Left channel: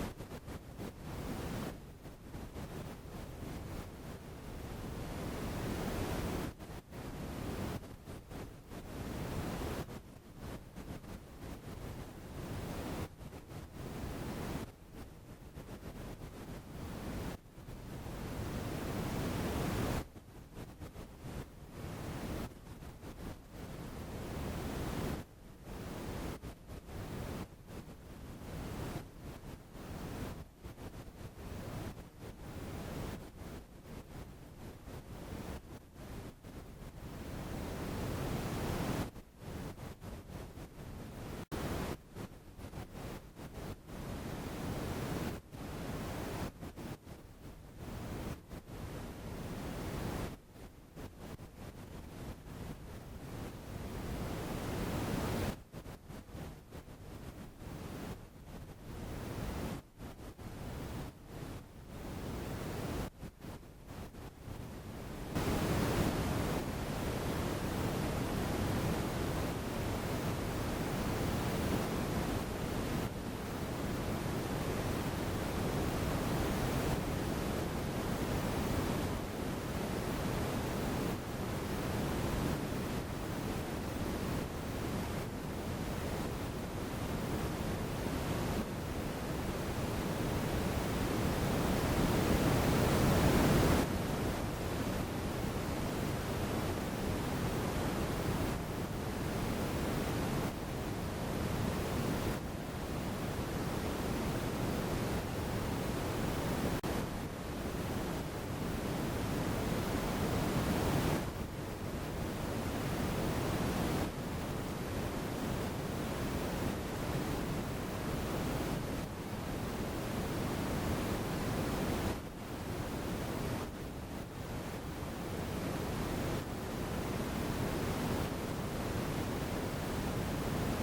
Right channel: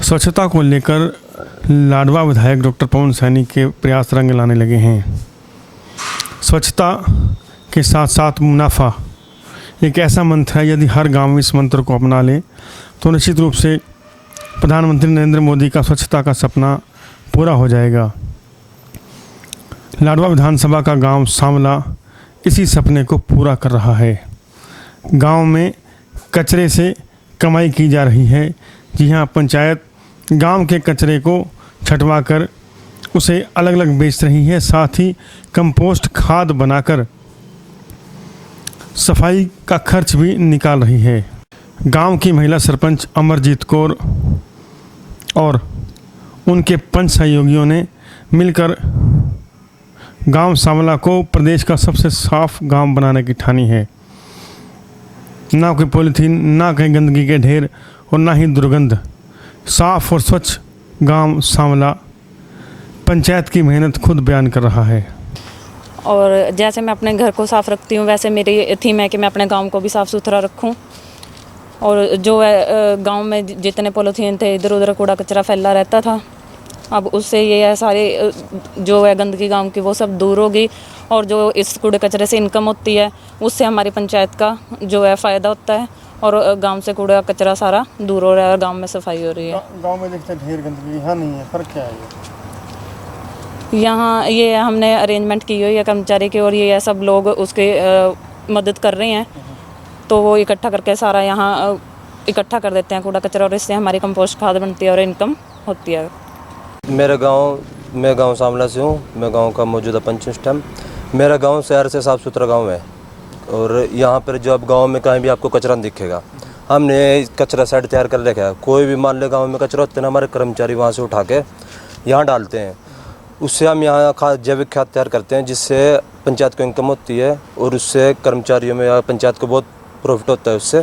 स्वच्छता को लेकर लाडवा विधायक डॉक्टर पवन सैनी के प्रयास रंग लाने लगे हैं। स्वच्छता के साथ साथ मुनाफा एक ऐसा मंत्र है, यदि हर गांव इस मंत्र को अपना ले तो निश्चित रूप से प्रधानमंत्री नरेंद्र मोदी का स्वच्छता का सपना पूरा हो जाएगा। लाडवा विधानसभा का गांव सांवला इसी सपने को पूरा कर रहा है। गांव में कचरे से कमाई की जा रही है। जी हाँ, पंचायत गांव के कचरे को छँटवा कर उसे अलग अलग बेच रही है, साथ ही कंपोस्ट खाद बनाकर सफाई का खर्च भी निकाल रही है। गांव की महिला सरपंच अमरजीत कौर और उनके पंच सहयोगियों ने मिलकर गांव सांवला को प्रदेश का सबसे साफ गांव बनाने की ठानी है। ना कोई पॉलीथीन, ना कहीं गंदगी के ढेर और ना ही दुर्गंध। साफ और स्वच्छ गांव सांवला पंचायत की मेहनत खुद बयान कर रहा है। और जैसे मैं अपने घर को साफ़ रखती हूँ, वैसे मेरी थीम है कि मैं अपने गांव को भी साफ़ सुथरा रखूँ। और जो है गांव में जितने पॉलीथीन थे, इधर उधर कूड़ा कचरा फैला रहता था, अब उससे ये है सारे जो है गंदगी गांव की वो सब दूर होगी। और जो इस कूड़े कचरे से इनकम होती है उससे हमारी पंचायत का जो है फ़ायदा होता है और गांव से कूड़ा कचरा सारा दूर हो रहा है और गांव में सफाई हो रही है। गांव में देखते हैं ढेर गंदगी, यहाँ नहीं है, फर्क क्या है? यहाँ ये हमने अरेंजमेंट की हुई है कर्मचारी की और ये सब लोग उसके मदद कर रहे हैं, तो वो इकट्ठा करके सारा यहाँ इकट्ठा कर देते हैं कूड़ा कचरा और इससे हमारी कंपोस्ट खाद बनती है और इनकम होती है। मैं गांव सांवला से हूँ। मैं गांव का मौजूदा पंच इस टाइम। मेरा गांव शहर से साफ़ सुथरा गांव है और यहाँ पर जो अब गांव में कहीं भी आपको कचरा नहीं दिखेगा। हमने कचरा साइड तैयार कर रखा है। कोई भी मान ले गांव में कचरा होता है ना, हमारे कर्मचारी वहाँ से उठा के यहाँ डालते हैं। उससे हम यहाँ जैविक खाद तैयार करते हैं, जिससे पंचायत को इनकम होती है और उससे कर्मचारियों में या पंचायत को बहुत प्रॉफिट होता है। उससे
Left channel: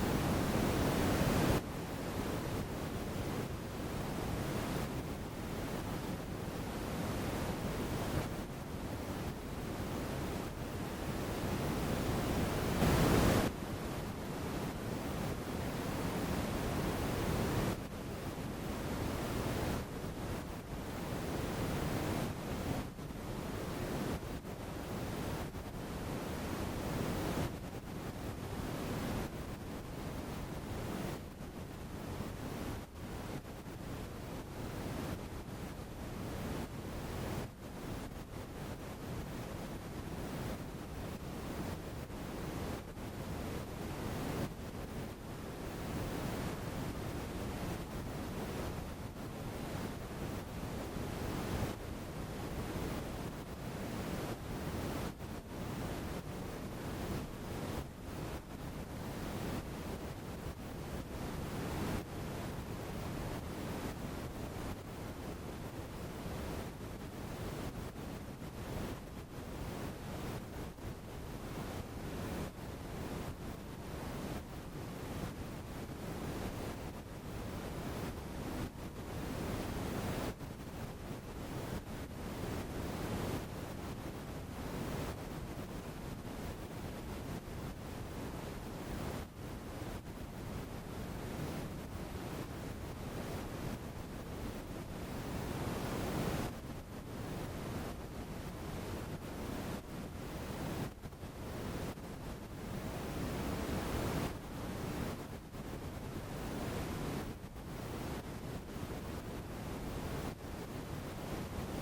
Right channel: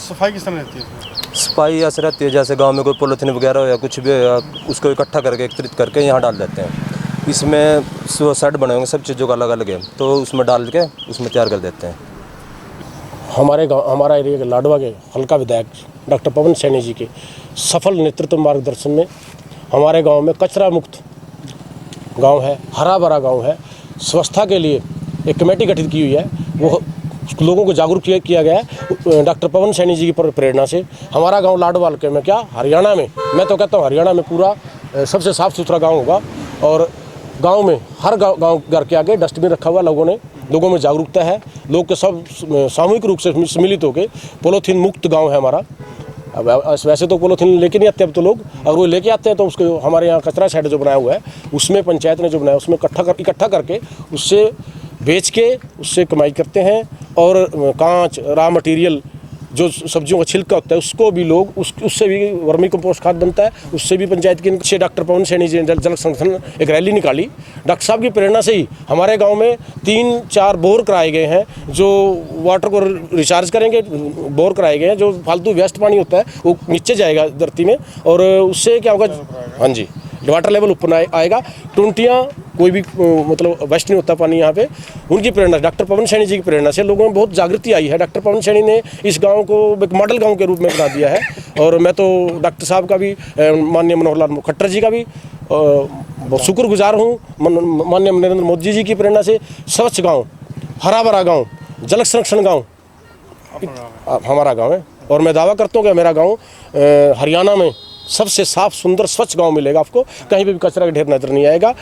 सफाई किस तरह रहती है? सफाई ऐसे रहती है जैसे गांव में कोई पॉलीथीन वगैरह हो या कुछ भी हो, उसको इकट्ठा करके एकत्रित करके यहाँ डाल देते हैं। इसमें सेट बने होंगे सब चीज़ों का अलग अलग है, तो उसमें डाल के उसमें तैयार कर देते हैं। हमारा एरिया के लाडवा के हल्का विधायक डॉक्टर पवन सैनी जी के सफल नेतृत्व मार्गदर्शन में हमारे गांव में कचरा मुक्त गांव है, हरा भरा गांव है। स्वच्छता के लिए एक कमेटी गठित की हुई है, वो लोगों को जागरूक किया गया है डॉक्टर पवन सैनी जी की प्रेरणा से। हमारा गांव लाडवाल के में क्या हरियाणा में, मैं तो कहता हूँ हरियाणा में पूरा सबसे साफ़ सुथरा गांव होगा। और गांव में हर गांव घर के आगे डस्टबिन रखा हुआ, लोगों में जागरूकता है। लोग के सब सामूहिक रूप से सम्मिलित होकर पॉलीथीन मुक्त गाँव है हमारा। अब वैसे तो पॉलीथीन लेके नहीं आते अब तो लोग, अगर वो लेके आते हैं तो उसको हमारे यहाँ कचरा शेड जो बनाया हुआ है उसमें पंचायत ने जो बनाया उसमें इकट्ठा करके उससे बेच के उससे कमाई करते हैं। और कांच रॉ मटेरियल जो सब्जियों का छिलका होता है उसको भी लोग उससे भी वर्मी कंपोस्ट खाद बनता है, उससे भी पंचायत के डॉक्टर पवन सैनी जी ने जल संगठन एक रैली निकाली। डॉक्टर साहब की प्रेरणा से ही हमारे गांव में 3-4 बोर कराए गए हैं, जो वाटर को रिचार्ज करेंगे। बोर कराए गए हैं, जो फालतू वेस्ट पानी होता है वो नीचे जाएगा धरती में और उससे क्या होगा, हाँ जी, वाटर लेवल ऊपर आएगा। टुंटियाँ कोई भी मतलब वेस्ट नहीं होता पानी यहाँ पे। उनकी प्रेरणा, डॉक्टर पवन सैनी जी की प्रेरणा से लोगों में बहुत जागृति आई है। डॉक्टर पवन सैनी ने इस गांव को एक मॉडल गांव के रूप में बना दिया है। और मैं तो डॉक्टर साहब का भी, माननीय मनोहर लाल खट्टर जी का भी बहुत शुक्रगुजार हूँ। माननीय नरेंद्र मोदी जी की प्रेरणा से स्वच्छ गाँव, हरा भरा गाँव, जल संरक्षण गाँव हमारा गाँव है। और मैं दावा करता हूँ कि मेरा गाँव हरियाणा में सबसे साफ सुंदर स्वच्छ गांव मिलेगा आपको। कहीं भी कचरा का ढेर नजर नहीं आएगा।